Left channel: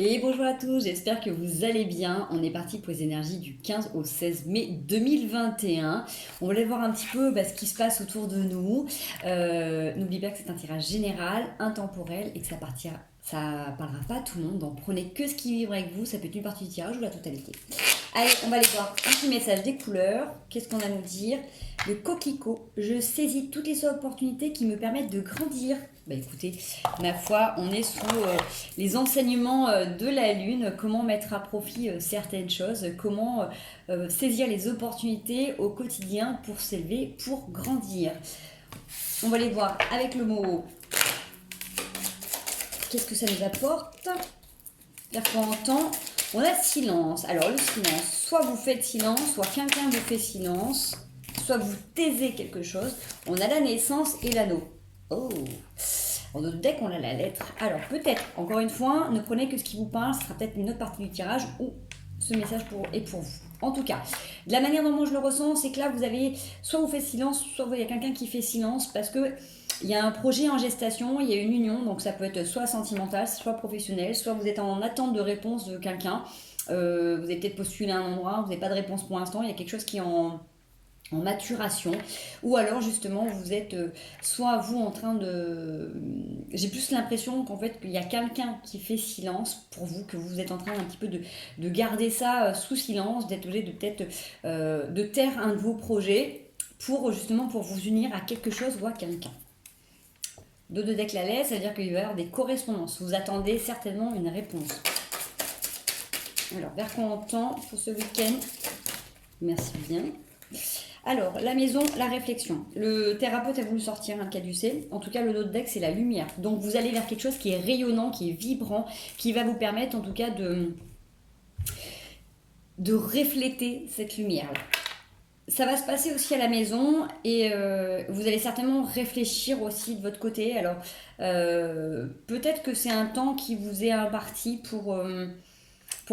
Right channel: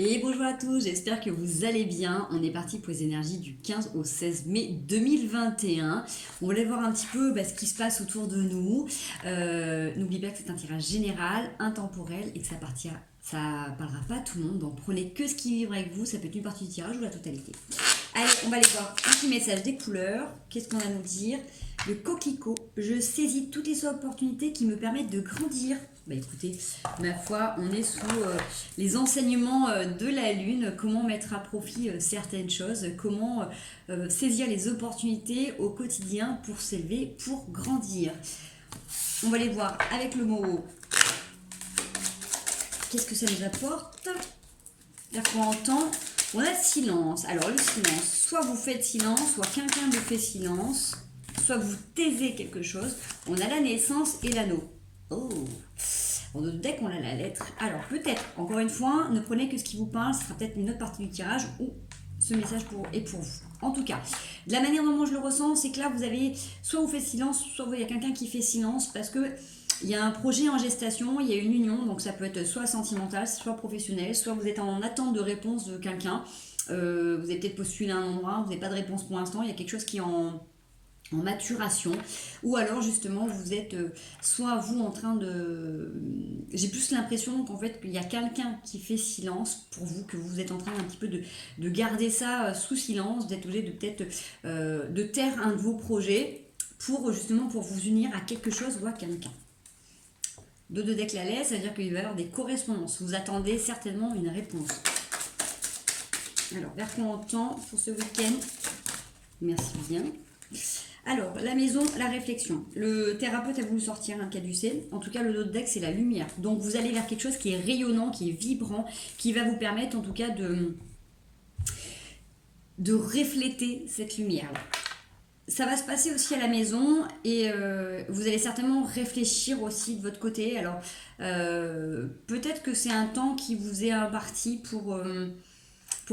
Et bonjour à tous, j'espère que vous allez bien. On est parti pour les énergies du 15 au 16 mai 2021. On voulait voir un petit peu ce qui se passe autour de nous. N'oubliez pas que c'est un tirage général, intemporel et que ça parlera pas à tout le monde. Donc prenez que ce qui vibre avec vous. Ça peut être une partie du tirage ou la totalité. Allez, on va aller voir un petit message des couleurs. Qu'est-ce qu'on a à nous dire? Le coquelicot. Je saisis toutes les opportunités qui me permettent de grandir. Écoutez, ma foi, on est sous les enseignements de la Lune, comment mettre à profit certaines choses, comment saisir les opportunités au quotidien pour s'élever, pour grandir. On va les voir avec le mot. Qu'est-ce que ça nous apporte? C'est-à-dire qu'on entend, on a silence. Alors le silence, soit vous faites silence, soit quelqu'un vous fait silence, soit vous taisez quelque chose. On a la naissance et l'anneau. Oh, en notre deck, on a la lettre. Alors, peut-être, encore une fois, ne prenez que ce qui vous parle. Ce sera peut-être une autre partie du tirage ou ce message est pour vous. En tout cas, de la manière dont moi je le ressens, c'est que là, vous avez, soit vous faites silence, soit il y a quelqu'un qui fait silence parce que il y a un projet en gestation, il y a une union, donc ça peut être soit sentimental, soit professionnel, soit vous êtes en attente de réponse de quelqu'un. Vous avez peut-être postulé à un endroit, vous n'avez pas de réponse pour l'instant, il y a quelque chose qui est en maturation, ou alors justement vous êtes soit vous en train de... J'ai plus l'impression qu'en fait qu'il y a quelqu'un qui fait silence pour vous, que vous êtes en train un petit peu de garder ça sous silence, d'être obligé de peut-être de taire un de vos projets pour justement pour vous unir à quelque chose ou à quelqu'un. Dos de deck la laisse, ça veut dire qu'il va y avoir des correspondances. Vous attendez certainement une réponse. Alors, vers quoi on tend pour ce week-end? Merci bien. Alors, la maison, la réflexion. Le thérapeute a voulu sortir un caducée. En tout cas, le dos de deck, c'est la lumière. Donc, vous allez vers quelque chose qui est rayonnant, qui est vibrant, qui va vous permettre, en tout cas, de refléter cette lumière-là. Ça va se passer aussi à la maison et vous allez certainement réfléchir aussi de votre côté. Alors, peut-être que c'est un temps qui vous est imparti pour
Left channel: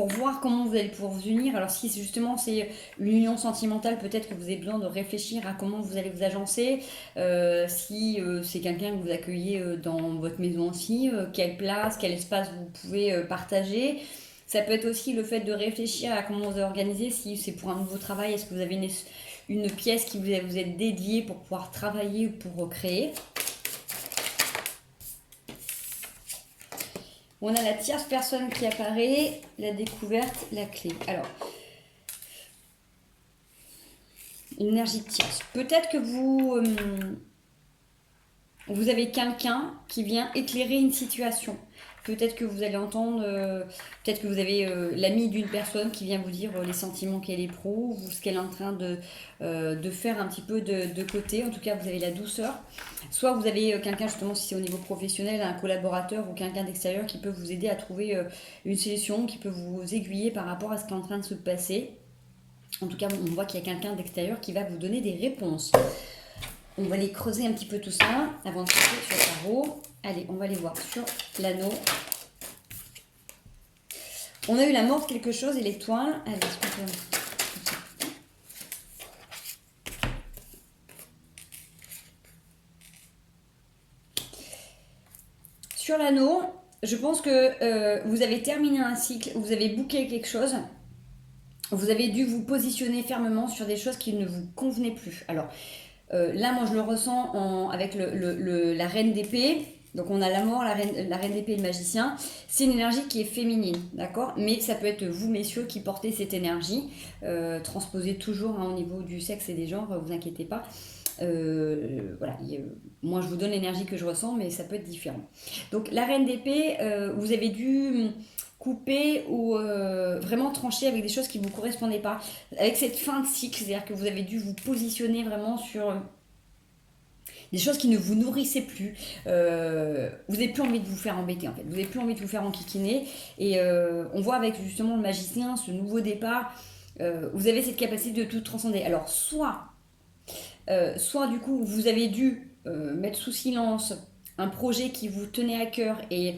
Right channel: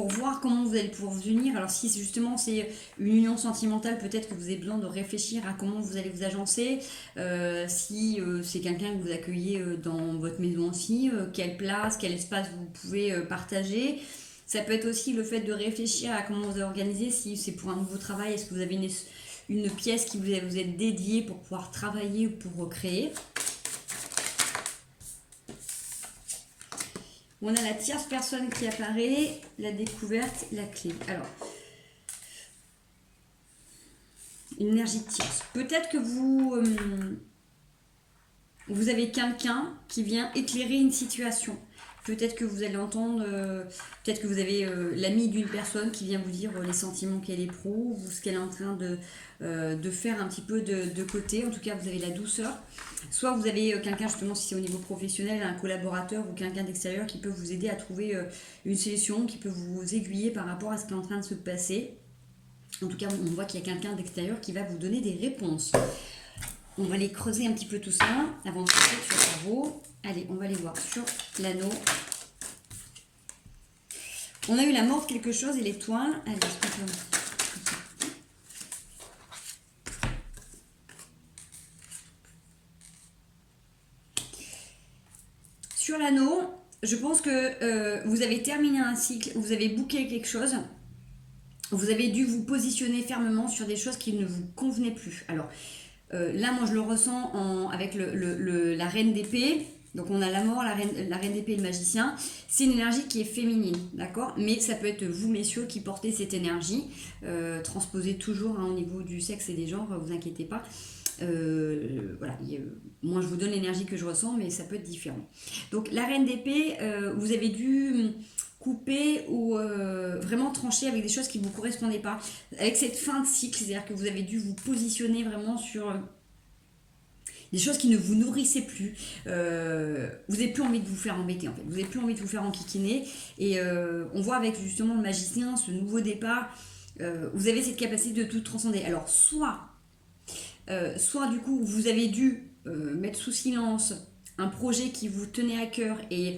voir comment vous allez pouvoir vous unir. Alors si justement c'est une union sentimentale, peut-être que vous avez besoin de réfléchir à comment vous allez vous agencer. Si c'est quelqu'un que vous accueillez dans votre maison aussi, quelle place, quel espace vous pouvez partager. Ça peut être aussi le fait de réfléchir à comment vous organiser. Si c'est pour un nouveau travail, est-ce que vous avez une pièce qui vous est dédiée pour pouvoir travailler ou pour créer. On a la tierce personne qui apparaît, la découverte, la clé. Alors, une énergie de tierce. Peut-être que vous avez quelqu'un qui vient éclairer une situation. Peut-être que vous allez entendre, peut-être que vous avez l'ami d'une personne qui vient vous dire les sentiments qu'elle éprouve ou ce qu'elle est en train de faire un petit peu de côté. En tout cas, vous avez la douceur. Soit vous avez quelqu'un, justement, si c'est au niveau professionnel, un collaborateur ou quelqu'un d'extérieur qui peut vous aider à trouver une solution, qui peut vous aiguiller par rapport à ce qui est en train de se passer. En tout cas, on voit qu'il y a quelqu'un d'extérieur qui va vous donner des réponses. On va aller creuser un petit peu tout ça avant de passer sur le tarot. Allez, on va aller voir sur l'anneau. On a eu la mort de quelque chose et l'étoile. Allez, est-ce qu'on peut... Sur l'anneau, je pense que vous avez terminé un cycle, vous avez booké quelque chose. Vous avez dû vous positionner fermement sur des choses qui ne vous convenaient plus. Alors, là, moi, je le ressens avec la reine d'épée. Donc, on a la mort, la reine d'épée et le magicien. C'est une énergie qui est féminine, d'accord? Mais ça peut être vous, messieurs, qui portez cette énergie. Transposée toujours au niveau du sexe et des genres, vous inquiétez pas. Voilà, moi, je vous donne l'énergie que je ressens, mais ça peut être différent. Donc, la reine d'épée, vous avez dû couper ou vraiment trancher avec des choses qui ne vous correspondaient pas. Avec cette fin de cycle, c'est-à-dire que vous avez dû vous positionner vraiment sur des choses qui ne vous nourrissaient plus. Vous n'avez plus envie de vous faire embêter, en fait. Vous n'avez plus envie de vous faire enquiquiner. Et on voit avec justement le magicien, ce nouveau départ, vous avez cette capacité de tout transcender. Alors, soit du coup, vous avez dû mettre sous silence un projet qui vous tenait à cœur et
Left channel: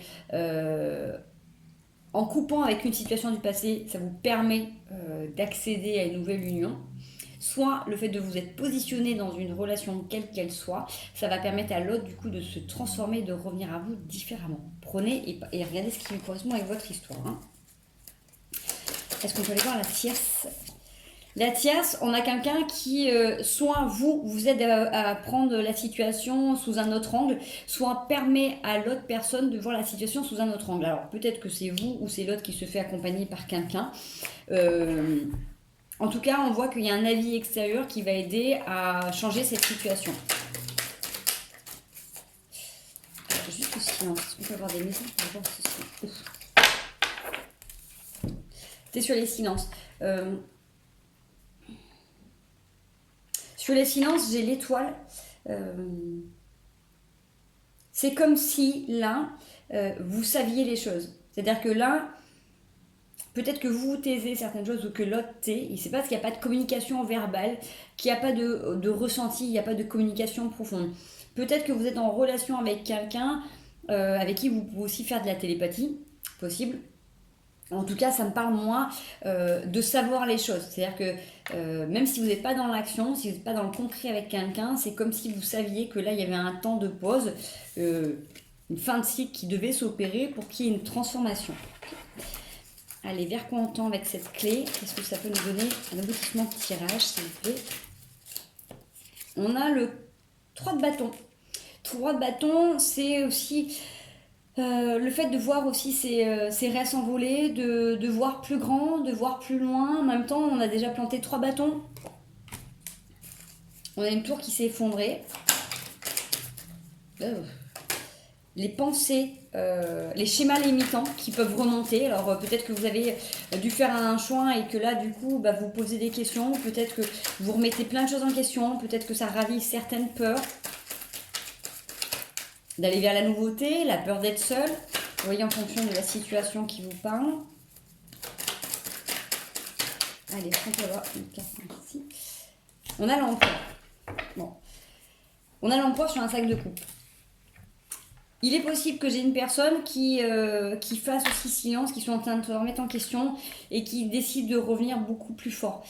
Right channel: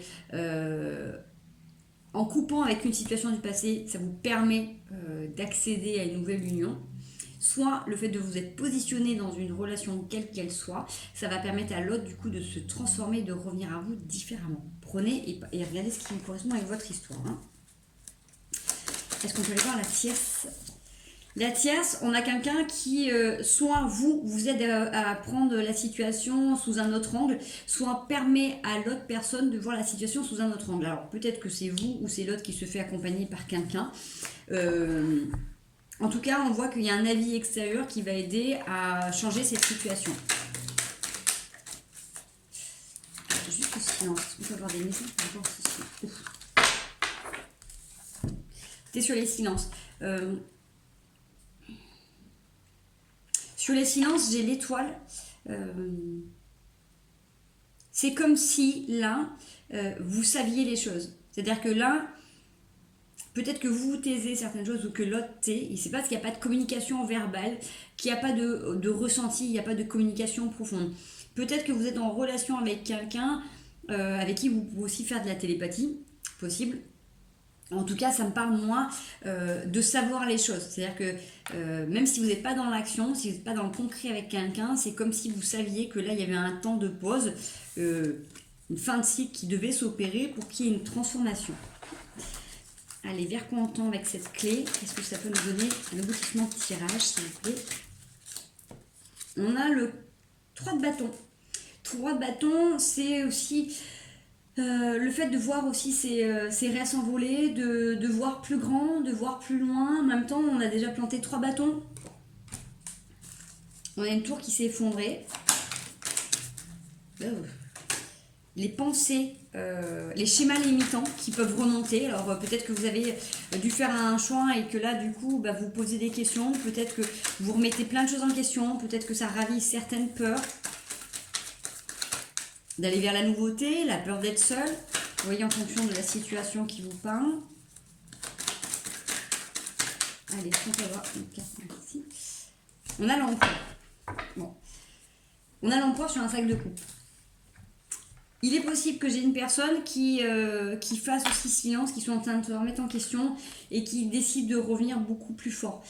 en coupant avec une situation du passé, ça vous permet d'accéder à une nouvelle union. soit le fait de vous être positionné dans une relation quelle qu'elle soit, ça va permettre à l'autre du coup de se transformer, de revenir à vous différemment. Prenez et regardez ce qui vous correspond avec votre histoire. Hein. Est-ce qu'on peut aller voir la tierce ? La tierce, on a quelqu'un qui, soit vous aide à prendre la situation sous un autre angle, soit permet à l'autre personne de voir la situation sous un autre angle. Alors peut-être que c'est vous ou c'est l'autre qui se fait accompagner par quelqu'un. En tout cas, on voit qu'il y a un avis extérieur qui va aider à changer cette situation. Alors, juste le silence. On peut avoir des messages par rapport à ce silence. T'es sur les silences. Sur les silences, j'ai l'étoile. C'est comme si là, vous saviez les choses. C'est-à-dire que là, peut-être que vous taisez certaines choses ou que l'autre tait. Et c'est parce qu'il n'y a pas de communication verbale, qu'il n'y a pas de ressenti, il n'y a pas de communication profonde. Peut-être que vous êtes en relation avec quelqu'un avec qui vous pouvez aussi faire de la télépathie, possible. En tout cas, ça me parle moins de savoir les choses. C'est-à-dire que même si vous n'êtes pas dans l'action, si vous n'êtes pas dans le concret avec quelqu'un, c'est comme si vous saviez que là, il y avait un temps de pause, une fin de cycle qui devait s'opérer pour qu'il y ait une transformation. Allez, vers quoi on tend avec cette clé? Qu'est-ce que ça peut nous donner? Un aboutissement de tirage, s'il vous plaît. On a le 3 de bâton. 3 de bâton, c'est aussi... le fait de voir aussi ses rêves s'envoler, de voir plus grand, de voir plus loin. En même temps, on a déjà planté 3 bâtons. On a une tour qui s'est effondrée. Les pensées, les schémas limitants qui peuvent remonter. Alors peut-être que vous avez dû faire un choix et que là, du coup, vous posez des questions. Peut-être que vous remettez plein de choses en question. Peut-être que ça ravive certaines peurs. D'aller vers la nouveauté, la peur d'être seul. Vous voyez, en fonction de la situation qui vous parle. Allez, on peut voir une carte ici. On a l'empereur. Bon. On a l'empereur sur un sac de coupe. Il est possible que j'ai une personne qui fasse aussi silence, qui soit en train de se remettre en question et qui décide de revenir beaucoup plus fort.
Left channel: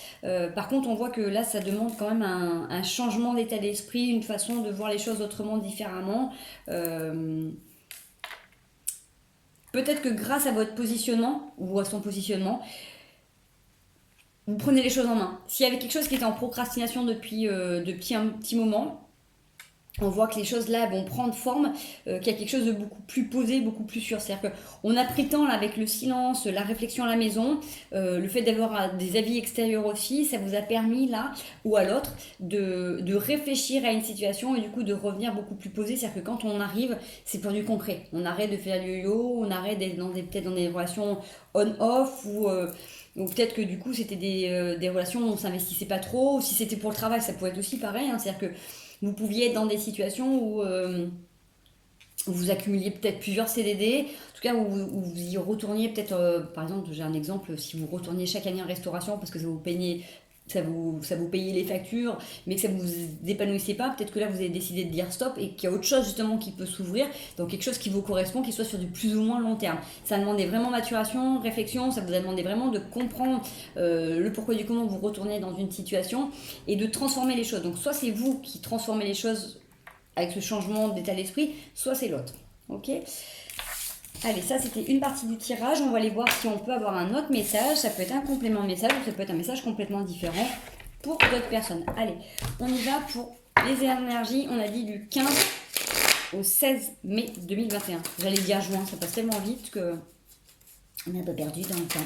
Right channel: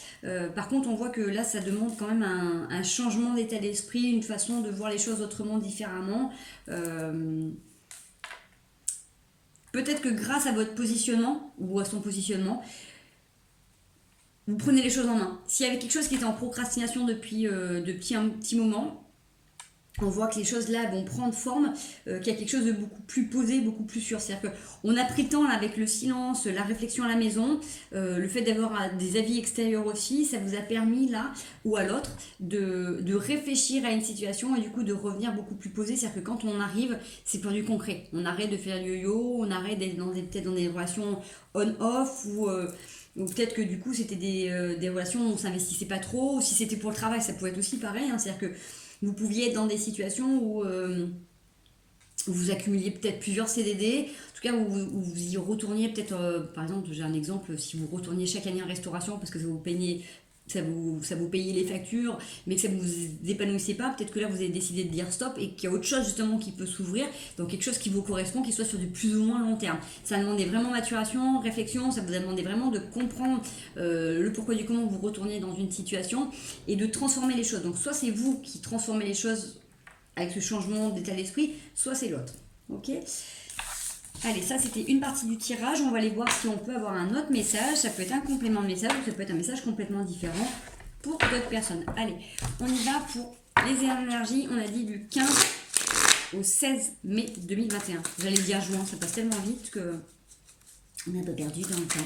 Par contre, on voit que là, ça demande quand même un changement d'état d'esprit, une façon de voir les choses autrement, différemment. Peut-être que grâce à votre positionnement, ou à son positionnement, vous prenez les choses en main. S'il y avait quelque chose qui était en procrastination depuis un petit moment, on voit que les choses là vont prendre forme, qu'il y a quelque chose de beaucoup plus posé, beaucoup plus sûr. C'est-à-dire qu'on a pris le temps là, avec le silence, la réflexion à la maison, le fait d'avoir des avis extérieurs aussi, ça vous a permis là ou à l'autre de réfléchir à une situation et du coup de revenir beaucoup plus posé. C'est-à-dire que quand on arrive, c'est pour du concret. On arrête de faire le yo-yo, on arrête d'être peut-être dans des relations on-off ou peut-être que du coup c'était des relations où on s'investissait pas trop, ou si c'était pour le travail, ça pouvait être aussi pareil. Hein, c'est-à-dire que vous pouviez être dans des situations où vous accumuliez peut-être plusieurs CDD, en tout cas où vous y retourniez peut-être, par exemple, j'ai un exemple, si vous retourniez chaque année en restauration parce que ça vous payait les factures, mais que ça vous épanouissait pas, peut-être que là vous avez décidé de dire stop et qu'il y a autre chose justement qui peut s'ouvrir, donc quelque chose qui vous correspond, qui soit sur du plus ou moins long terme. Ça a demandé vraiment maturation, réflexion, ça vous a demandé vraiment de comprendre le pourquoi du comment vous retournez dans une situation et de transformer les choses. Donc soit c'est vous qui transformez les choses avec ce changement d'état d'esprit, soit c'est l'autre. Ok ? Allez, ça c'était une partie du tirage. On va aller voir si on peut avoir un autre message. Ça peut être un complément de message ou ça peut être un message complètement différent pour d'autres personnes. Allez, on y va pour les énergies. On a dit du 15 au 16 mai 2021. J'allais dire juin, ça passe tellement vite que on est un peu perdu dans le temps.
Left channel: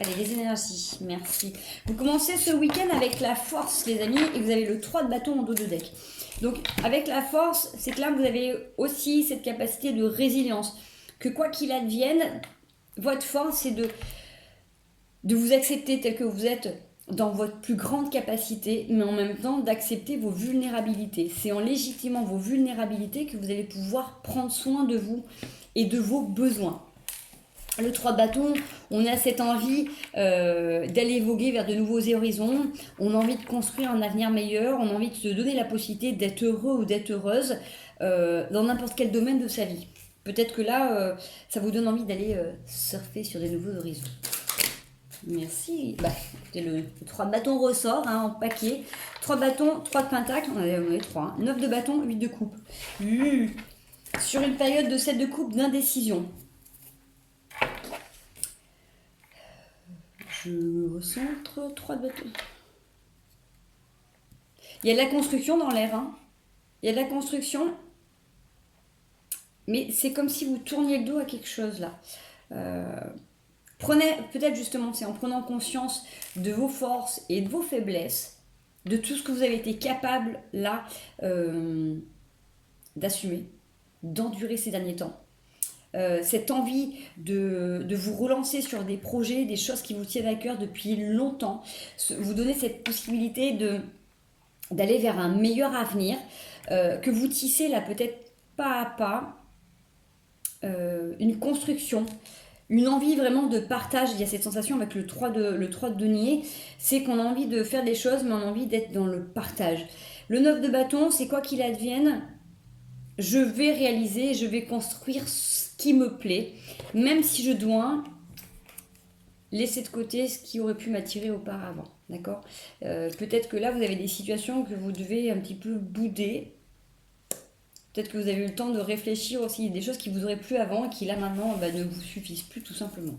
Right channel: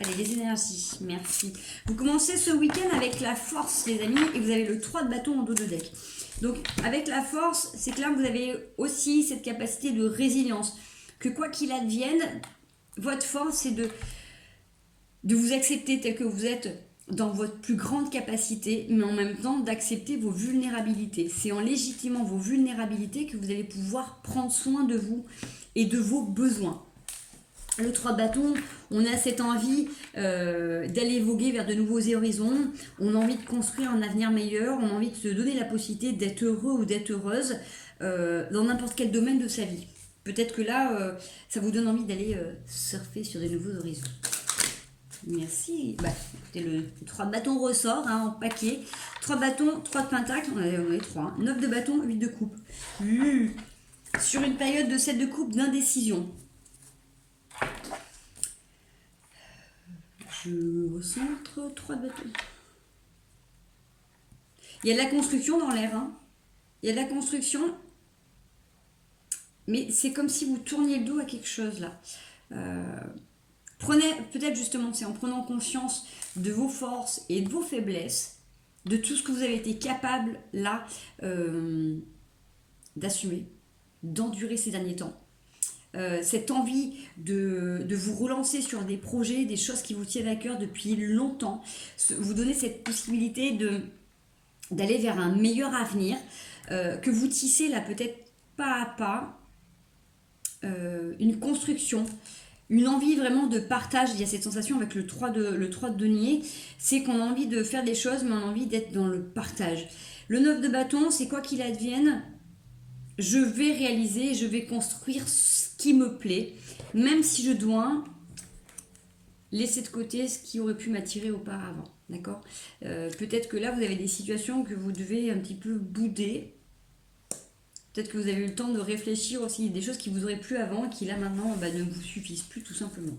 Allez, les énergies, merci. Vous commencez ce week-end avec la force, les amis, et vous avez le 3 de bâton en dos de deck. Donc, avec la force, c'est que là, vous avez aussi cette capacité de résilience. Que quoi qu'il advienne, votre force, c'est de vous accepter tel que vous êtes dans votre plus grande capacité, mais en même temps d'accepter vos vulnérabilités. C'est en légitimant vos vulnérabilités que vous allez pouvoir prendre soin de vous et de vos besoins. Le 3 de bâton, on a cette envie d'aller voguer vers de nouveaux horizons, on a envie de construire un avenir meilleur, on a envie de se donner la possibilité d'être heureux ou d'être heureuse dans n'importe quel domaine de sa vie. Peut-être que là, ça vous donne envie d'aller surfer sur de nouveaux horizons. Merci. Bah, écoutez, le 3 de bâton ressort hein, en paquet. 3 de bâton, 3 de pentacle. On est 3. Hein. 9 de bâton, 8 de coupe. Sur une période de 7 de coupe d'indécision. Je recentre 3 de bâton. Il y a de la construction dans l'air. Hein. Il y a de la construction. Mais c'est comme si vous tourniez le dos à quelque chose là. Prenez, peut-être justement, c'est en prenant conscience de vos forces et de vos faiblesses, de tout ce que vous avez été capable là d'assumer, d'endurer ces derniers temps. Cette envie de vous relancer sur des projets, des choses qui vous tiennent à cœur depuis longtemps, vous donner cette possibilité d'aller vers un meilleur avenir, que vous tissez là peut-être pas à pas, une construction, une envie vraiment de partage. Il y a cette sensation avec le 3 de denier, c'est qu'on a envie de faire des choses, mais on a envie d'être dans le partage. Le 9 de bâton, c'est quoi qu'il advienne, je vais réaliser, je vais construire ce qui me plaît, même si je dois laisser de côté ce qui aurait pu m'attirer auparavant. D'accord ? Peut-être que là, vous avez des situations que vous devez un petit peu bouder. Peut-être que vous avez eu le temps de réfléchir aussi des choses qui vous auraient plu avant et qui là maintenant ne vous suffisent plus tout simplement.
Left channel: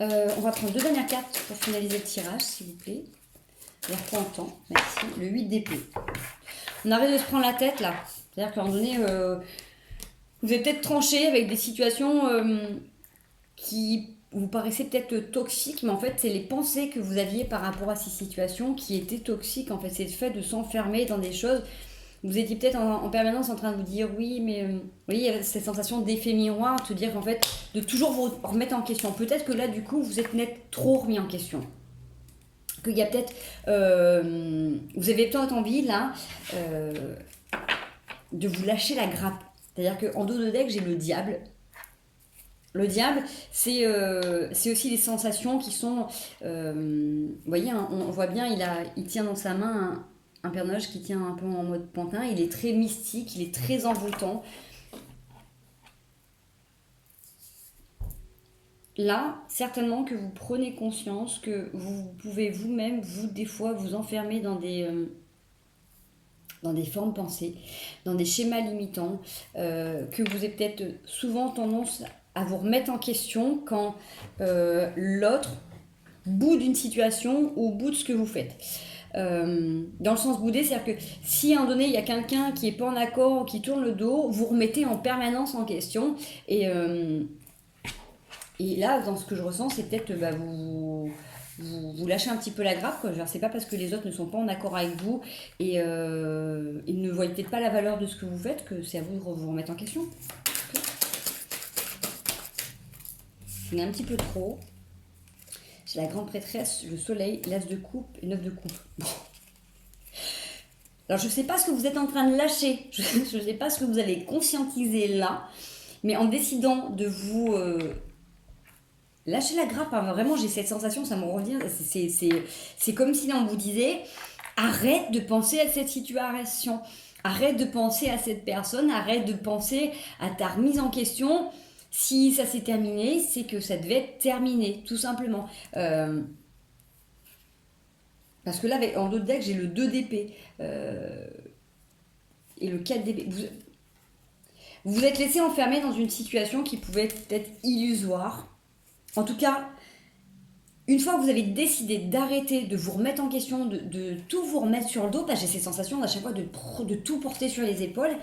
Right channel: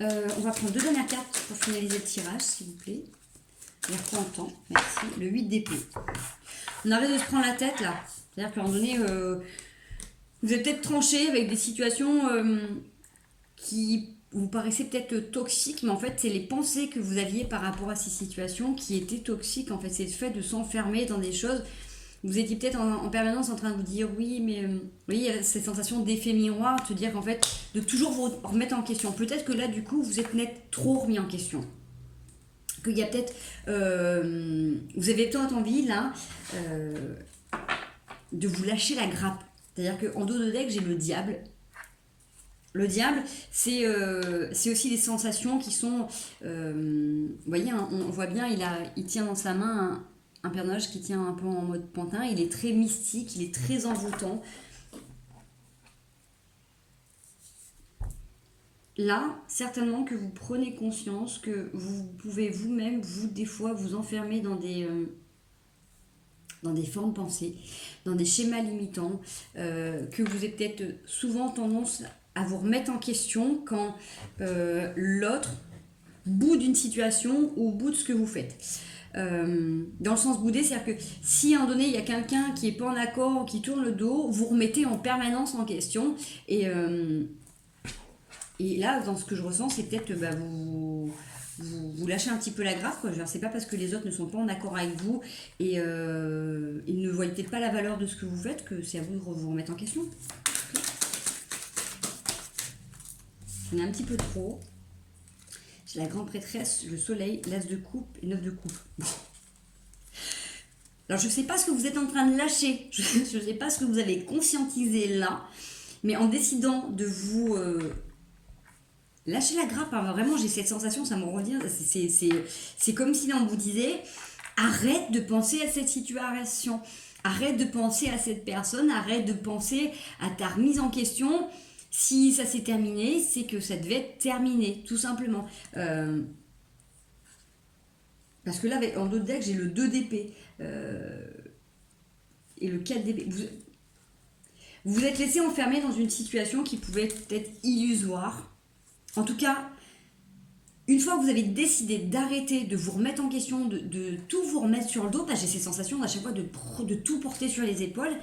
On va prendre 2 dernières cartes pour finaliser le tirage s'il vous plaît. On reprend le temps, merci. Le 8 d'épée. On arrête de se prendre la tête là. C'est-à-dire qu'à un moment donné, vous êtes peut-être tranché avec des situations qui vous paraissaient peut-être toxiques, mais en fait c'est les pensées que vous aviez par rapport à ces situations qui étaient toxiques. En fait c'est le fait de s'enfermer dans des choses. Vous étiez peut-être en permanence en train de vous dire oui, mais vous voyez, il y a cette sensation d'effet miroir, de dire en fait, de toujours vous remettre en question. Peut-être que là, du coup, vous êtes net trop remis en question. Qu'il y a peut-être, vous avez peut-être envie là de vous lâcher la grappe. C'est-à-dire qu'en dos de deck, j'ai le diable. Le diable, c'est aussi des sensations qui sont, vous voyez, hein, on voit bien, il tient dans sa main un personnage qui tient un peu en mode pantin, il est très mystique, il est très envoûtant. Là, certainement que vous prenez conscience que vous pouvez vous-même, des fois, vous enfermer dans des formes pensées, dans des schémas limitants, que vous avez peut-être souvent tendance à vous remettre en question quand l'autre boude d'une situation ou boude ce que vous faites. Dans le sens boudé, c'est-à-dire que si à un moment donné il y a quelqu'un qui n'est pas en accord, qui tourne le dos, vous remettez en permanence en question et là dans ce que je ressens c'est peut-être vous lâchez un petit peu la grappe quoi. C'est pas parce que les autres ne sont pas en accord avec vous et ils ne voient peut-être pas la valeur de ce que vous faites que c'est à vous de vous remettre en question. Okay. On est un petit peu trop. J'ai la grande prêtresse, le soleil, l'as de coupe et 9 de coupe. Bon. Alors, je ne sais pas ce que vous êtes en train de lâcher. Je ne sais pas ce que vous allez conscientiser là. Mais en décidant de vous lâcher la grappe, hein, vraiment, j'ai cette sensation, ça me revient. C'est comme si on vous disait, arrête de penser à cette situation. Arrête de penser à cette personne. Arrête de penser à ta remise en question. Si ça s'est terminé, c'est que ça devait être terminé, tout simplement. Parce que là, en dos de deck, j'ai le 2 d'épée et le 4 d'épée. Vous vous êtes laissé enfermer dans une situation qui pouvait être illusoire. En tout cas, une fois que vous avez décidé d'arrêter de vous remettre en question, de tout vous remettre sur le dos, j'ai ces sensations à chaque fois de tout porter sur les épaules.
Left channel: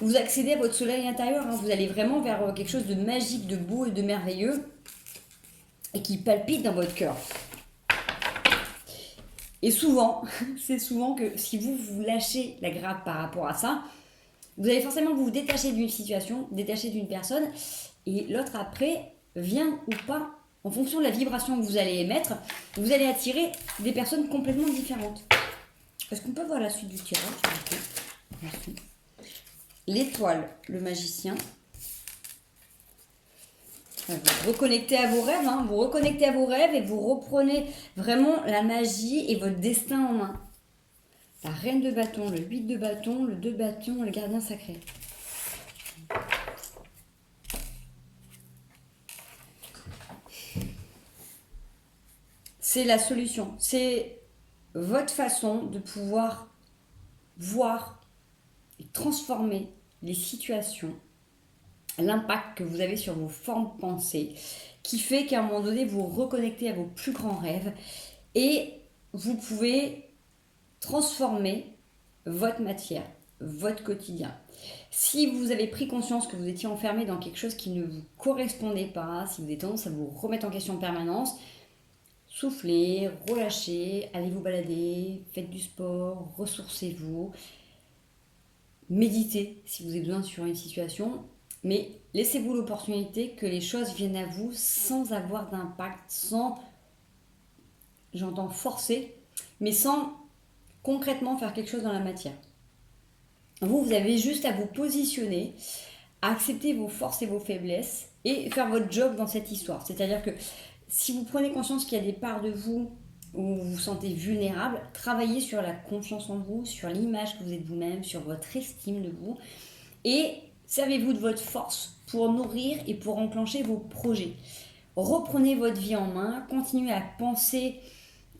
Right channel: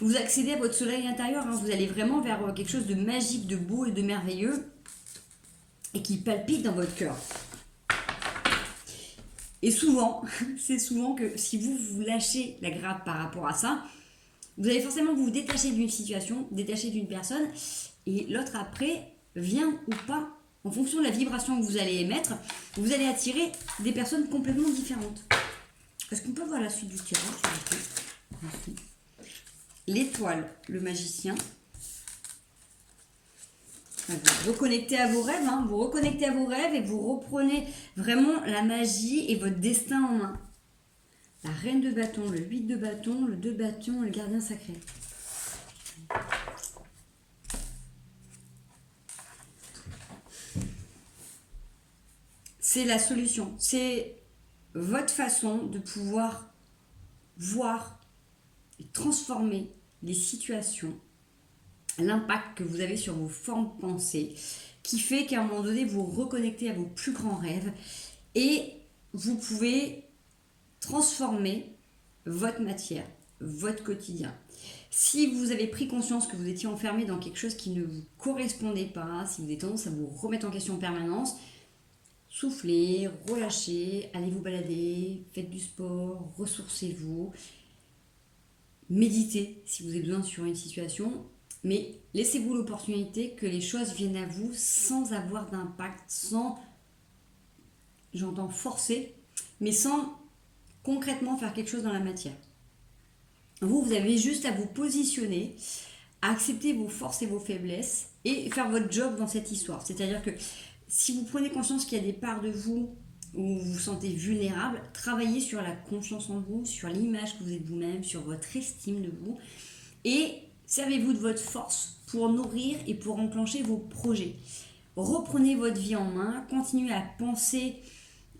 Vous accédez à votre soleil intérieur, hein, vous allez vraiment vers quelque chose de magique, de beau et de merveilleux et qui palpite dans votre cœur. Et souvent, c'est souvent que si vous vous lâchez la grappe par rapport à ça, vous allez forcément vous détacher d'une situation, détacher d'une personne et l'autre après vient ou pas, en fonction de la vibration que vous allez émettre, vous allez attirer des personnes complètement différentes. Est-ce qu'on peut voir la suite du tirage? Merci. L'étoile, le magicien. Vous reconnectez à vos rêves, hein, vous reconnectez à vos rêves et vous reprenez vraiment la magie et votre destin en main. La reine de bâton, le 8 de bâton, le 2 de bâton, le gardien sacré. c'est la solution. C'est votre façon de pouvoir voir et transformer les situations, l'impact que vous avez sur vos formes pensées, qui fait qu'à un moment donné, vous reconnectez à vos plus grands rêves et vous pouvez transformer votre matière, votre quotidien. Si vous avez pris conscience que vous étiez enfermé dans quelque chose qui ne vous correspondait pas, si vous avez tendance à vous remettre en question en permanence, soufflez, relâchez, allez vous balader, faites du sport, ressourcez-vous, méditez si vous avez besoin sur une situation, mais laissez-vous l'opportunité que les choses viennent à vous sans avoir d'impact, sans, j'entends forcer, mais sans concrètement faire quelque chose dans la matière. Vous avez juste à vous positionner, à accepter vos forces et vos faiblesses et faire votre job dans cette histoire. C'est-à-dire que si vous prenez conscience qu'il y a des parts de vous où vous vous sentez vulnérable, travaillez sur la confiance en vous, sur l'image que vous êtes vous-même, sur votre estime de vous et servez-vous de votre force pour nourrir et pour enclencher vos projets. Reprenez votre vie en main, continuez à penser,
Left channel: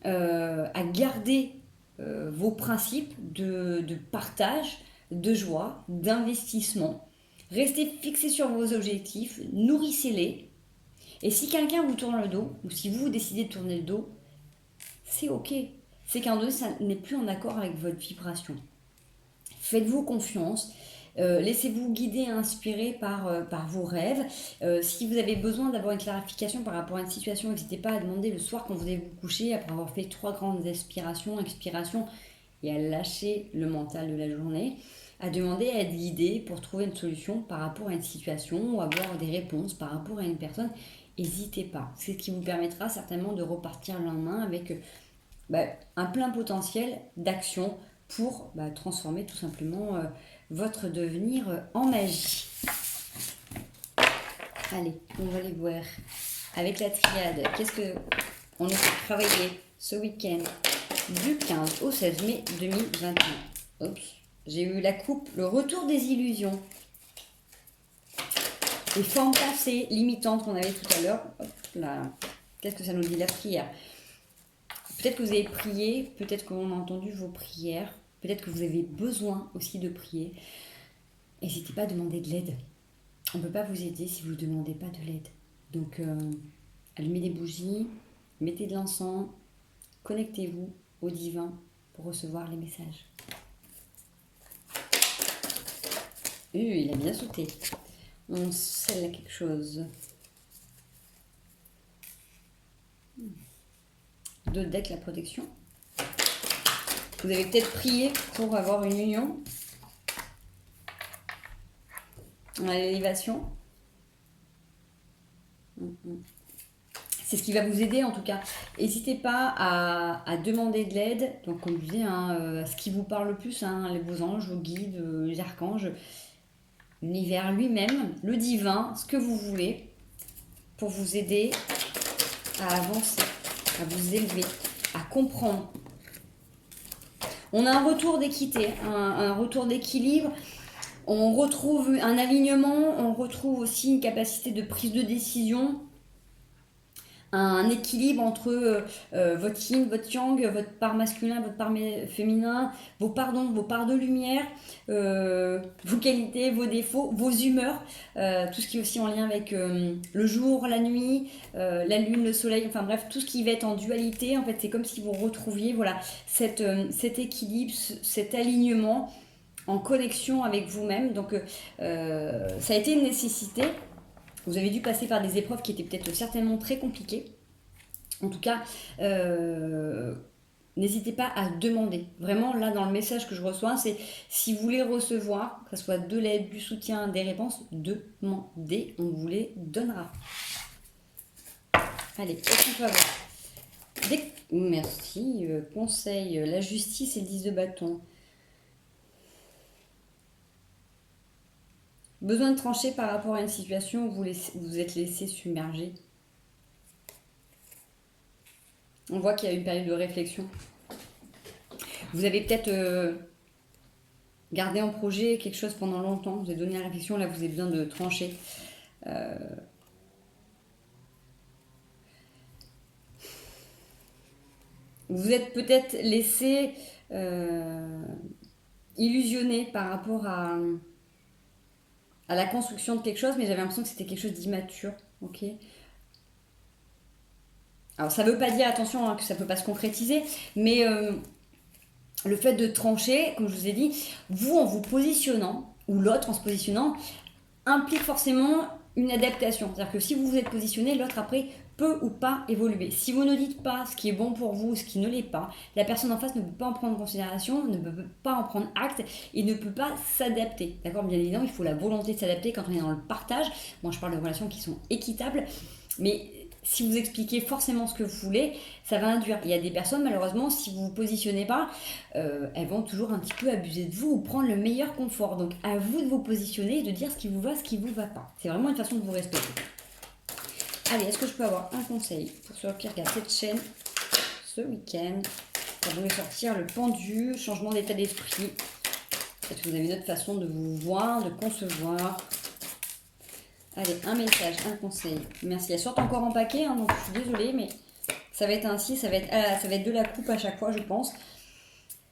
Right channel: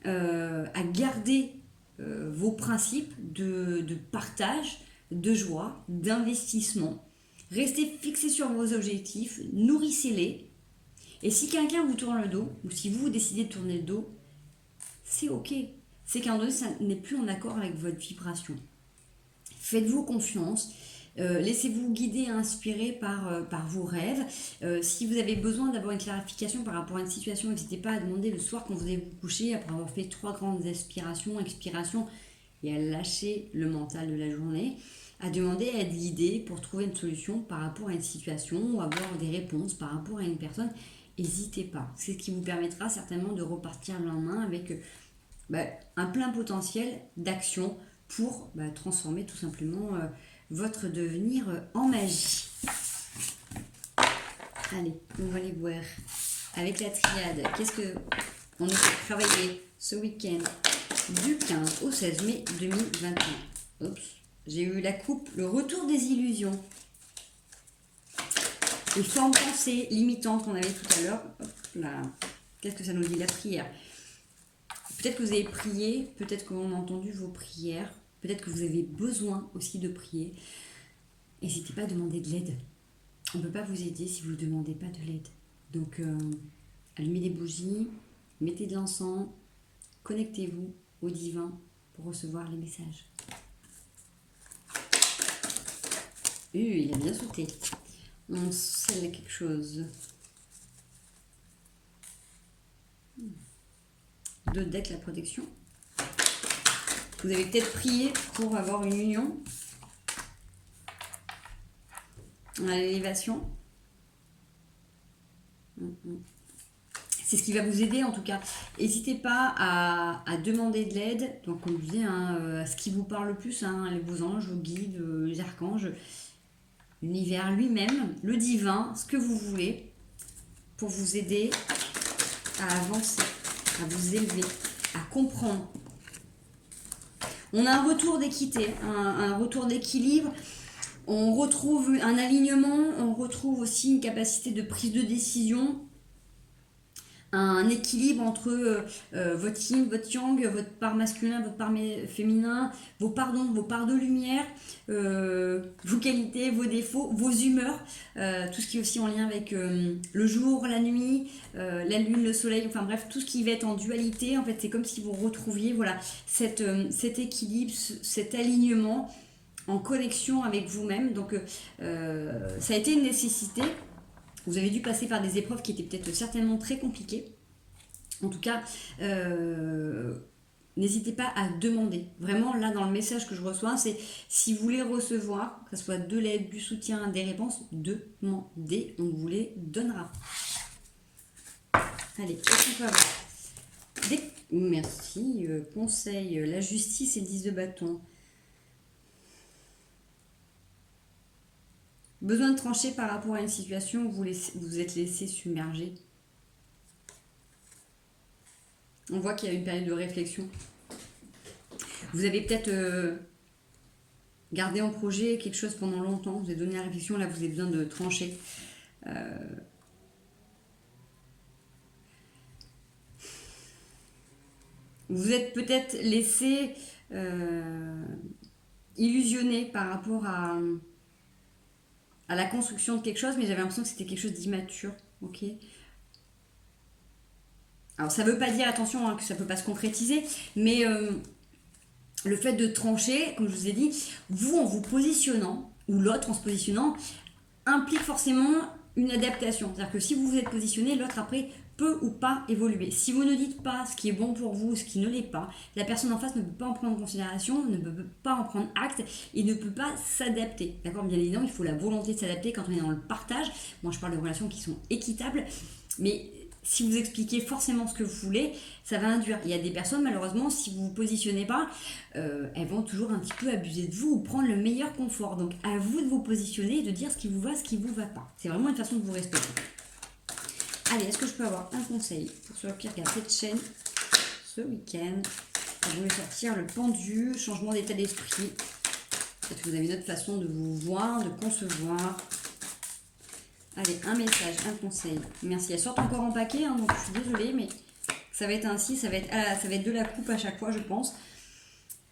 à garder vos principes de partage, de joie, d'investissement. Restez fixés sur vos objectifs, nourrissez-les. Et si quelqu'un vous tourne le dos, ou si vous décidez de tourner le dos, c'est ok. C'est qu'à un moment donné, ça n'est plus en accord avec votre vibration. Faites-vous confiance. Laissez-vous guider et inspirer par vos rêves. Si vous avez besoin d'avoir une clarification par rapport à une situation, n'hésitez pas à demander le soir quand vous allez vous coucher, après avoir fait 3 grandes expirations, et à lâcher le mental de la journée, à demander à être guidé pour trouver une solution par rapport à une situation ou avoir des réponses par rapport à une personne. N'hésitez pas. C'est ce qui vous permettra certainement de repartir le lendemain avec un plein potentiel d'action pour transformer tout simplement votre devenir en magie. Allez, on va les voir. Avec la triade, qu'est-ce que on a travaillé ce week-end du 15 au 16 mai 2021. Oups, j'ai eu la coupe, le retour des illusions. Les formes pensées limitantes qu'on avait tout à l'heure. Hop là. Qu'est-ce que ça nous dit? La prière. Peut-être que vous avez prié, peut-être qu'on a entendu vos prières, peut-être que vous avez besoin aussi de prier. N'hésitez pas à demander de l'aide. On ne peut pas vous aider si vous ne demandez pas de l'aide. Donc, allumez des bougies, mettez de l'encens, connectez-vous au divin pour recevoir les messages. Il a bien sauté. On scelle quelque chose. 2 decks, la protection. Vous avez peut-être prié pour avoir une union. On a l'élévation. C'est ce qui va vous aider en tout cas. N'hésitez pas à demander de l'aide. Donc comme je disais, à ce qui vous parle le plus, vos anges, vos guides, les archanges, l'univers lui-même, le divin, ce que vous voulez, pour vous aider à avancer, à vous élever, à comprendre. On a un retour d'équité, un retour d'équilibre. On retrouve un alignement, on retrouve aussi une capacité de prise de décision, un équilibre entre votre yin, votre yang, votre part masculin, votre part féminin, vos parts de lumière, vos qualités, vos défauts, vos humeurs, tout ce qui est aussi en lien avec le jour, la nuit, la lune, le soleil, enfin bref, tout ce qui va être en dualité. En fait, c'est comme si vous retrouviez cet équilibre, cet alignement en connexion avec vous-même. Donc ça a été une nécessité. Vous avez dû passer par des épreuves qui étaient peut-être certainement très compliquées. En tout cas, n'hésitez pas à demander. Vraiment, là, dans le message que je reçois, c'est si vous voulez recevoir, que ce soit de l'aide, du soutien, des réponses, demandez, on vous les donnera. Allez, qu'est-ce qu'on peut avoir? Merci. Conseil, la justice et le 10 de bâton. Besoin de trancher par rapport à une situation où vous êtes laissé submerger. On voit qu'il y a une période de réflexion. Vous avez peut-être gardé en projet quelque chose pendant longtemps. Vous avez donné la réflexion, là vous avez besoin de trancher. vous êtes peut-être laissé illusionné par rapport à la construction de quelque chose, mais j'avais l'impression que c'était quelque chose d'immature. Ok. Alors ça veut pas dire, attention, hein, que ça peut pas se concrétiser, mais le fait de trancher, comme je vous ai dit, vous en vous positionnant, ou l'autre en se positionnant, implique forcément une adaptation. C'est-à-dire que si vous vous êtes positionné, l'autre après peut ou pas évoluer. Si vous ne dites pas ce qui est bon pour vous, ce qui ne l'est pas, la personne en face ne peut pas en prendre en considération, ne peut pas en prendre acte et ne peut pas s'adapter. D'accord ? Bien évidemment, il faut la volonté de s'adapter quand on est dans le partage. Moi, je parle de relations qui sont équitables, mais si vous expliquez forcément ce que vous voulez, ça va induire. Il y a des personnes, malheureusement, si vous ne vous positionnez pas, elles vont toujours un petit peu abuser de vous ou prendre le meilleur confort. Donc, à vous de vous positionner et de dire ce qui vous va, ce qui ne vous va pas. C'est vraiment une façon de vous respecter. Allez, est-ce que je peux avoir un conseil pour ceux qui regardent cette chaîne ce week-end? Pour vous sortir le pendu, changement d'état d'esprit. Peut-être que vous avez une autre façon de vous voir, de concevoir. Allez, un message, un conseil. Merci. Elles sortent encore en paquet, hein, donc je suis désolée, mais ça va être ainsi, ça va être de la coupe à chaque fois, je pense.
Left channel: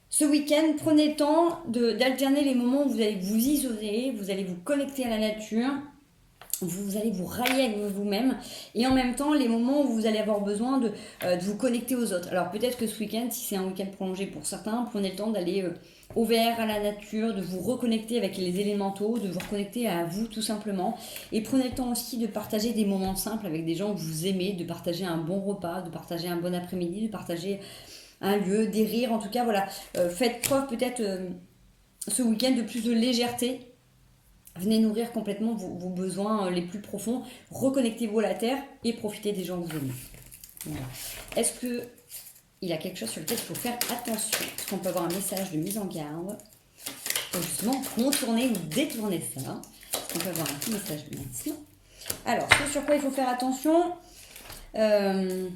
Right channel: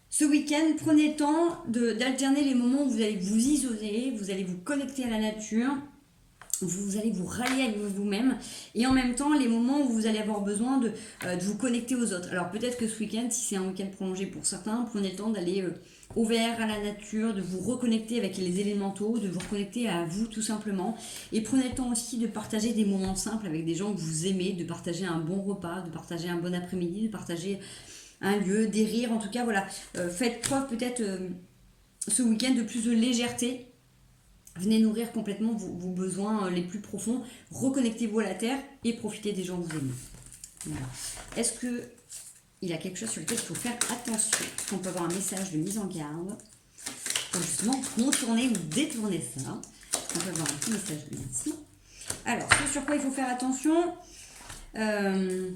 Ce week-end, prenez le temps d'alterner les moments où vous allez vous isoler, vous allez vous connecter à la nature, vous allez vous rallier avec vous-même, et en même temps, les moments où vous allez avoir besoin de vous connecter aux autres. Alors peut-être que ce week-end, si c'est un week-end prolongé pour certains, prenez le temps d'aller au vert, à la nature, de vous reconnecter avec les élémentaux, de vous reconnecter à vous tout simplement. Et prenez le temps aussi de partager des moments simples avec des gens que vous aimez, de partager un bon repas, de partager un bon après-midi, de partager un lieu, des rires. En tout cas, voilà, faites preuve peut-être ce week-end de plus de légèreté. Venez nourrir complètement vos besoins les plus profonds. Reconnectez-vous à la terre et profitez des gens que vous aimez. Voilà. Est-ce que il y a quelque chose sur lequel il faut faire attention? Est-ce qu'on peut avoir un message de mise en garde pour justement contourner ou détourner ça? On peut avoir un petit message, merci. Alors, ce sur quoi il faut faire attention, faites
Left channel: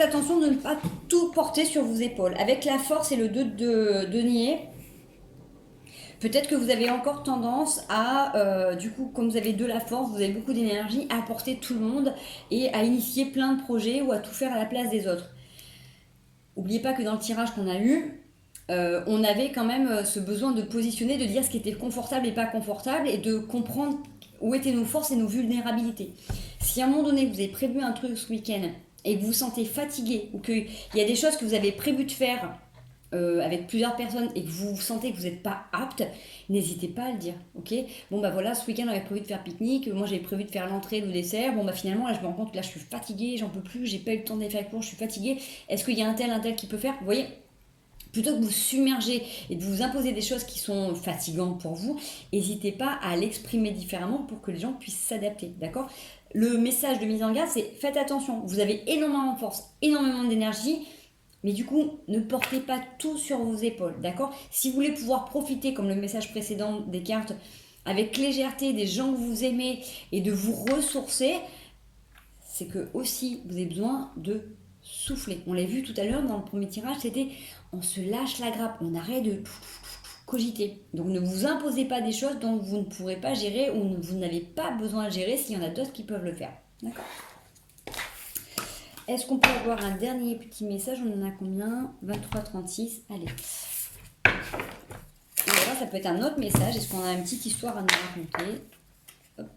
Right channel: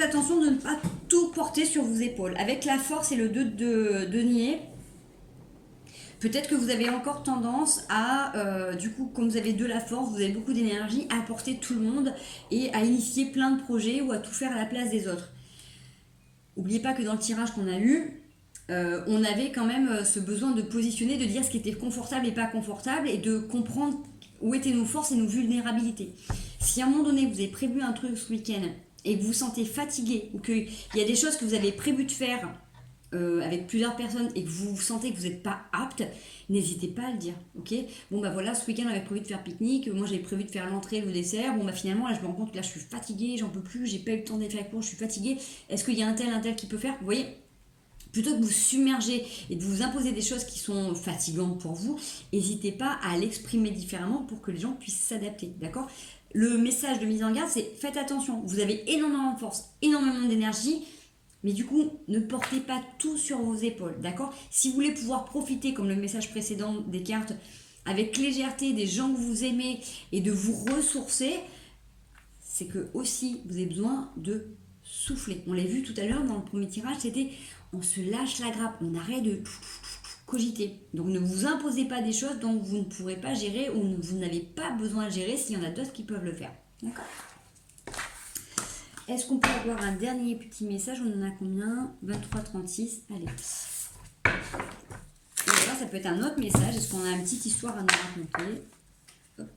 attention de ne pas tout porter sur vos épaules. Avec la force et le 2 de denier, peut-être que vous avez encore tendance à, du coup, comme vous avez de la force, vous avez beaucoup d'énergie, à porter tout le monde et à initier plein de projets ou à tout faire à la place des autres. N'oubliez pas que dans le tirage qu'on a eu, on avait quand même ce besoin de positionner, de dire ce qui était confortable et pas confortable et de comprendre où étaient nos forces et nos vulnérabilités. Si à un moment donné, vous avez prévu un truc ce week-end et que vous vous sentez fatigué ou qu'il y a des choses que vous avez prévu de faire avec plusieurs personnes et que vous sentez que vous n'êtes pas apte, n'hésitez pas à le dire, ok? Bon bah voilà, ce week-end on avait prévu de faire pique-nique, moi j'avais prévu de faire l'entrée, le dessert, bon bah finalement là je me rends compte que là je suis fatiguée, j'en peux plus, j'ai pas eu le temps d'aller faire les cours, je suis fatiguée, est-ce qu'il y a un tel qui peut faire? Vous voyez, plutôt que vous submerger et de vous imposer des choses qui sont fatigantes pour vous, n'hésitez pas à l'exprimer différemment pour que les gens puissent s'adapter, d'accord? Le message de mise en garde, c'est faites attention, vous avez énormément de force, énormément d'énergie, mais du coup, ne portez pas tout sur vos épaules, d'accord? Si vous voulez pouvoir profiter, comme le message précédent des cartes, avec légèreté des gens que vous aimez et de vous ressourcer, c'est que aussi vous avez besoin de souffler. On l'a vu tout à l'heure dans le premier tirage, c'était on se lâche la grappe, on arrête de cogiter. Donc ne vous imposez pas des choses dont vous ne pourrez pas gérer ou vous n'avez pas besoin de gérer s'il y en a d'autres qui peuvent le faire, d'accord? Est-ce qu'on peut avoir un dernier petit message? On en a combien? 23-36. Allez. Et alors, ça peut être un autre message. Est-ce qu'on a une petite histoire à nous raconter? Hop.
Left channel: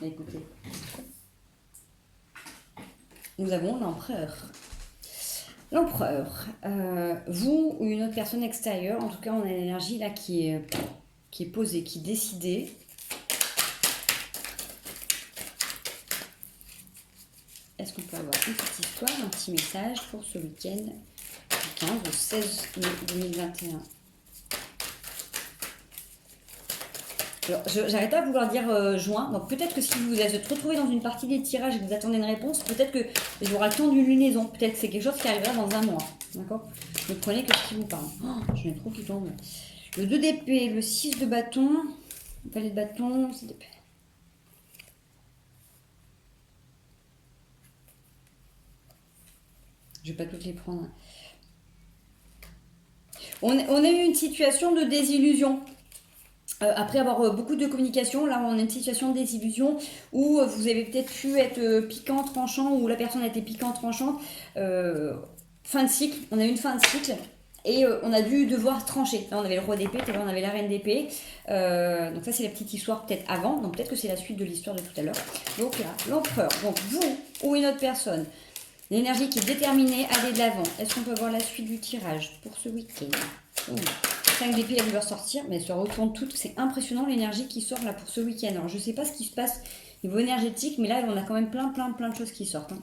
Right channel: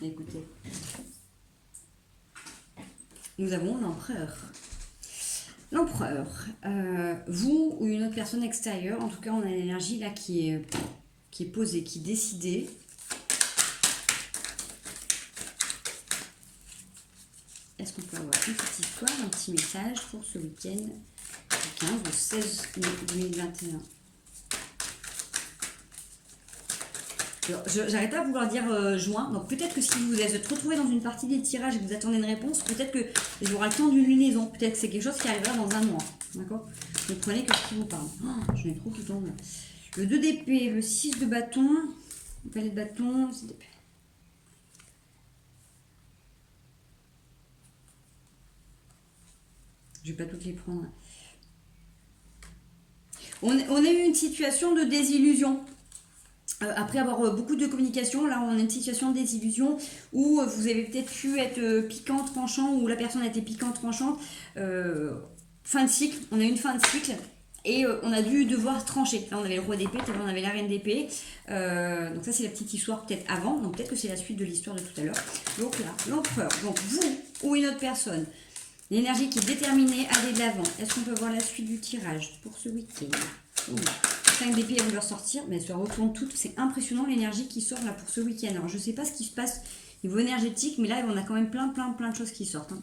Écoutez. Nous avons l'empereur. L'empereur. Vous ou une autre personne extérieure, en tout cas, on a l'énergie là qui est posée, qui est décidée. Est-ce qu'on peut avoir une petite histoire, un petit message pour ce week-end du 15 au 16 mai 2021? Alors, j'arrête pas de vouloir dire juin, donc peut-être que si vous êtes retrouvé dans une partie des tirages et que vous attendez une réponse, peut-être que il y aura le temps d'une lunaison, peut-être que c'est quelque chose qui arrivera dans un mois, d'accord? Ne prenez que ce qui vous parle. Oh, j'en ai trop qui tombent. Le 2 d'épée, le 6 de bâton, le palais de bâton, 6 d'épée. Je vais pas toutes les prendre. On a eu une situation de désillusion. Après avoir beaucoup de communication, là on a une situation de désillusion où vous avez peut-être pu être piquant, tranchant, ou la personne a été piquante, tranchante. Fin de cycle, on a eu une fin de cycle et on a dû devoir trancher. Là on avait le roi d'épée, tout à l'heure on avait la reine d'épée. Donc ça c'est la petite histoire peut-être avant, donc peut-être que c'est la suite de l'histoire de tout à l'heure. Donc là, l'empereur, donc vous ou une autre personne, l'énergie qui est déterminée, allez de l'avant. Est-ce qu'on peut voir la suite du tirage pour ce week-end? 5 d'épée, elle va sortir, mais elle se retourne toutes. C'est impressionnant l'énergie qui sort là pour ce week-end. Alors je sais pas ce qui se passe au niveau énergétique, mais là on a quand même plein de choses qui sortent. Hein.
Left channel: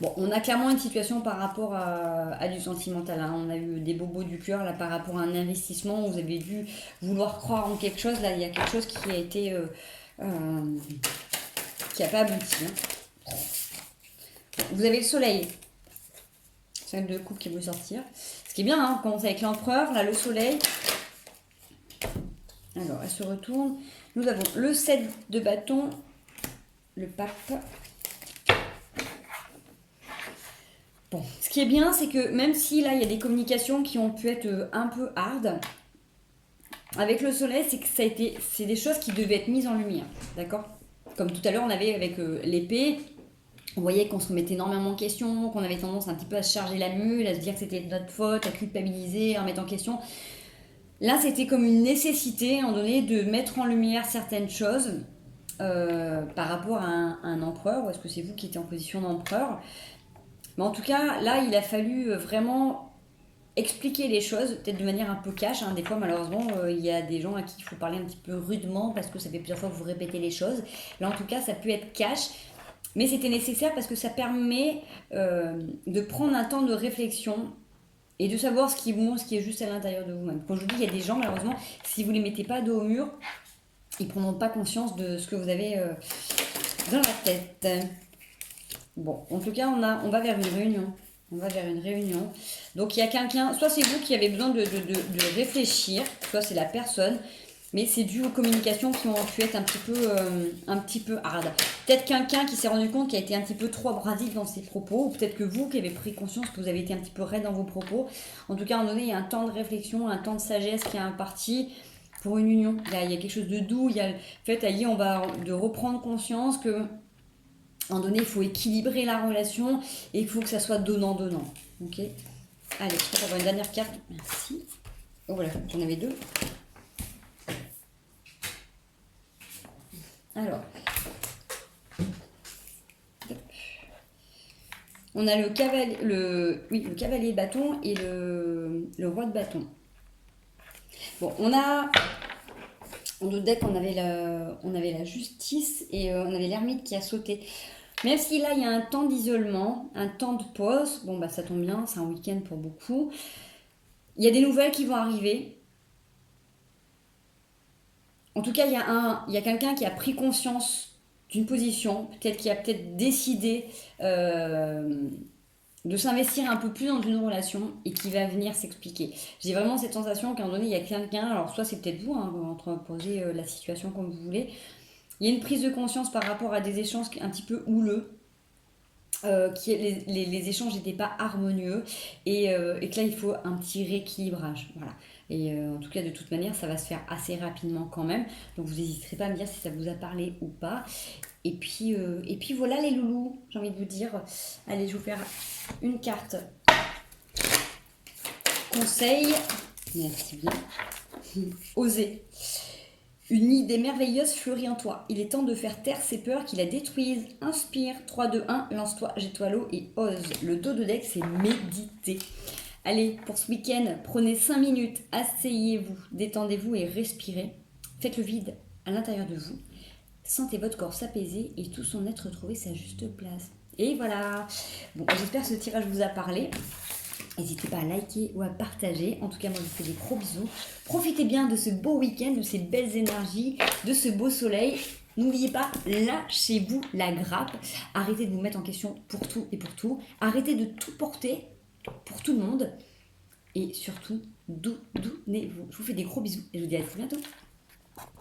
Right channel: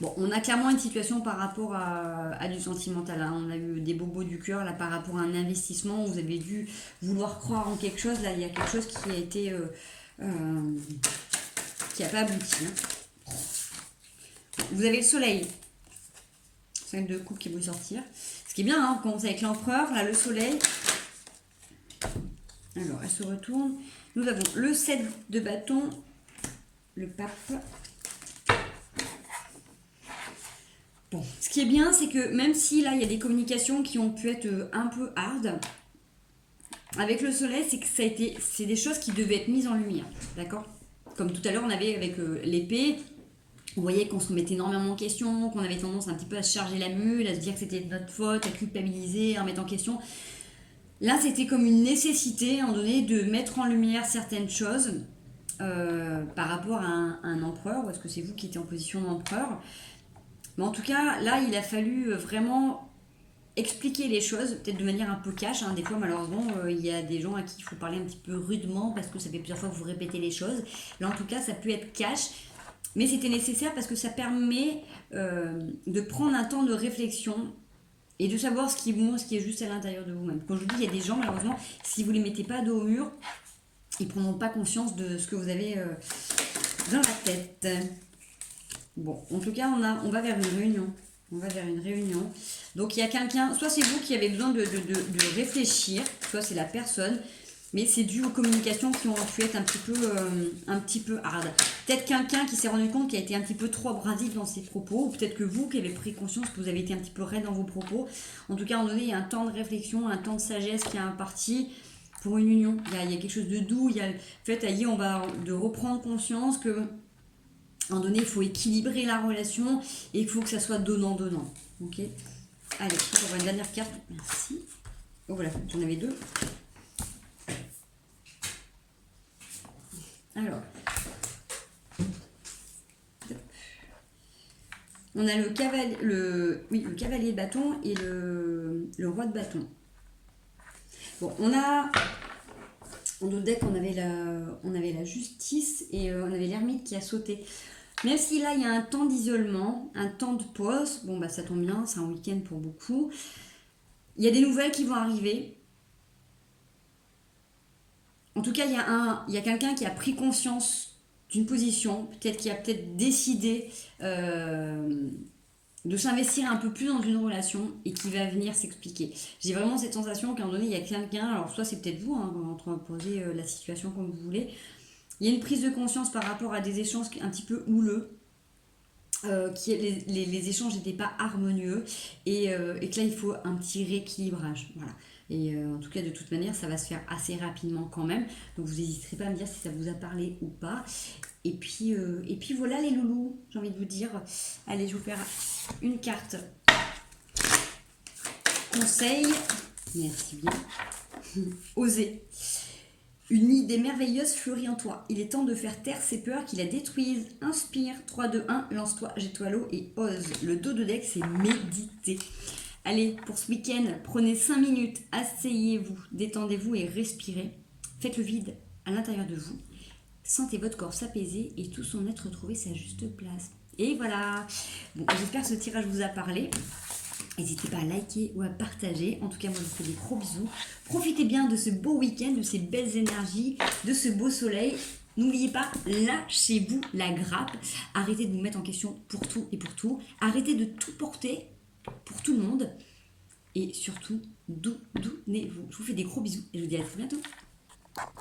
Bon, on a clairement une situation par rapport à du sentimental. Hein. On a eu des bobos du cœur là par rapport à un investissement. Vous avez dû vouloir croire en quelque chose. Là, il y a quelque chose qui a été qui n'a pas abouti. Hein. Vous avez le soleil. 5 de coupe qui vont sortir. Ce qui est bien, hein, on commence avec l'empereur, là le soleil. Alors, elle se retourne. Nous avons le 7 de bâton, le pape. Bon, ce qui est bien, c'est que même si là, il y a des communications qui ont pu être un peu hard, avec le soleil, c'est que c'est des choses qui devaient être mises en lumière, d'accord? Comme tout à l'heure, on avait avec l'épée, on voyait qu'on se remettait énormément en question, qu'on avait tendance un petit peu à se charger la mule, à se dire que c'était notre faute, à culpabiliser, à remettre en question. Là, c'était comme une nécessité, à un moment donné, de mettre en lumière certaines choses par rapport à un empereur, ou est-ce que c'est vous qui étiez en position d'empereur? Mais en tout cas, là, il a fallu vraiment expliquer les choses, peut-être de manière un peu cash. Hein. Des fois, malheureusement, il y a des gens à qui il faut parler un petit peu rudement parce que ça fait plusieurs fois que vous répétez les choses. Là, en tout cas, ça peut être cash. Mais c'était nécessaire parce que ça permet de prendre un temps de réflexion et de savoir ce qui est bon, ce qui est juste à l'intérieur de vous-même. Quand je vous dis, il y a des gens, malheureusement, si vous ne les mettez pas dos au mur, ils ne prendront pas conscience de ce que vous avez dans la tête. Bon, en tout cas, on va vers une réunion. On va vers une réunion. Donc, il y a quelqu'un, soit c'est vous qui avez besoin de réfléchir, soit c'est la personne. Mais c'est dû aux communications qui ont pu être un petit peu hard. Peut-être quelqu'un qui s'est rendu compte qu'il a été un petit peu trop abrasif dans ses propos, ou peut-être que vous qui avez pris conscience que vous avez été un petit peu raide dans vos propos. En tout cas, à un moment donné, il y a un temps de réflexion, un temps de sagesse qui est imparti pour une union. Il y a quelque chose de doux, il y a le fait, on va de reprendre conscience que, à un moment donné, il faut équilibrer la relation et il faut que ça soit donnant-donnant. Ok. Allez, je crois qu'on va une dernière carte. Merci. Oh voilà, j'en avais 2. Alors, on a le cavalier de bâton et le roi de bâton. Bon, on a en notre deck, on avait la justice et on avait l'ermite qui a sauté. Même si là, il y a un temps d'isolement, un temps de pause, bon, bah ça tombe bien, c'est un week-end pour beaucoup. Il y a des nouvelles qui vont arriver. En tout cas, il y a quelqu'un qui a pris conscience d'une position, peut-être qui a décidé de s'investir un peu plus dans une relation et qui va venir s'expliquer. J'ai vraiment cette sensation qu'à un moment donné, il y a quelqu'un, alors soit c'est peut-être vous, hein, entreposez la situation comme vous voulez, il y a une prise de conscience par rapport à des échanges un petit peu houleux, les échanges n'étaient pas harmonieux et que là il faut un petit rééquilibrage. Voilà. Et en tout cas, de toute manière, ça va se faire assez rapidement quand même. Donc vous n'hésiterez pas à me dire si ça vous a parlé ou pas. Et puis voilà les loulous, j'ai envie de vous dire. Allez, je vais vous faire une carte conseil. Merci bien. Osez. Une idée merveilleuse fleurit en toi. Il est temps de faire taire ces peurs qui la détruisent. Inspire, 3, 2, 1, lance-toi, jette-toi à l'eau et ose. Le dos de deck, c'est méditer. Allez, pour ce week-end, prenez 5 minutes, asseyez-vous, détendez-vous et respirez. Faites le vide à l'intérieur de vous. Sentez votre corps s'apaiser et tout son être trouver sa juste place. Et voilà. Bon, j'espère que ce tirage vous a parlé. N'hésitez pas à liker ou à partager. En tout cas, moi, je vous fais des gros bisous. Profitez bien de ce beau week-end, de ces belles énergies, de ce beau soleil. N'oubliez pas, lâchez-vous la grappe. Arrêtez de vous mettre en question pour tout et pour tout. Arrêtez de tout porter pour tout le monde. Et surtout, doudonnez-vous. Je vous fais des gros bisous et je vous dis à très bientôt.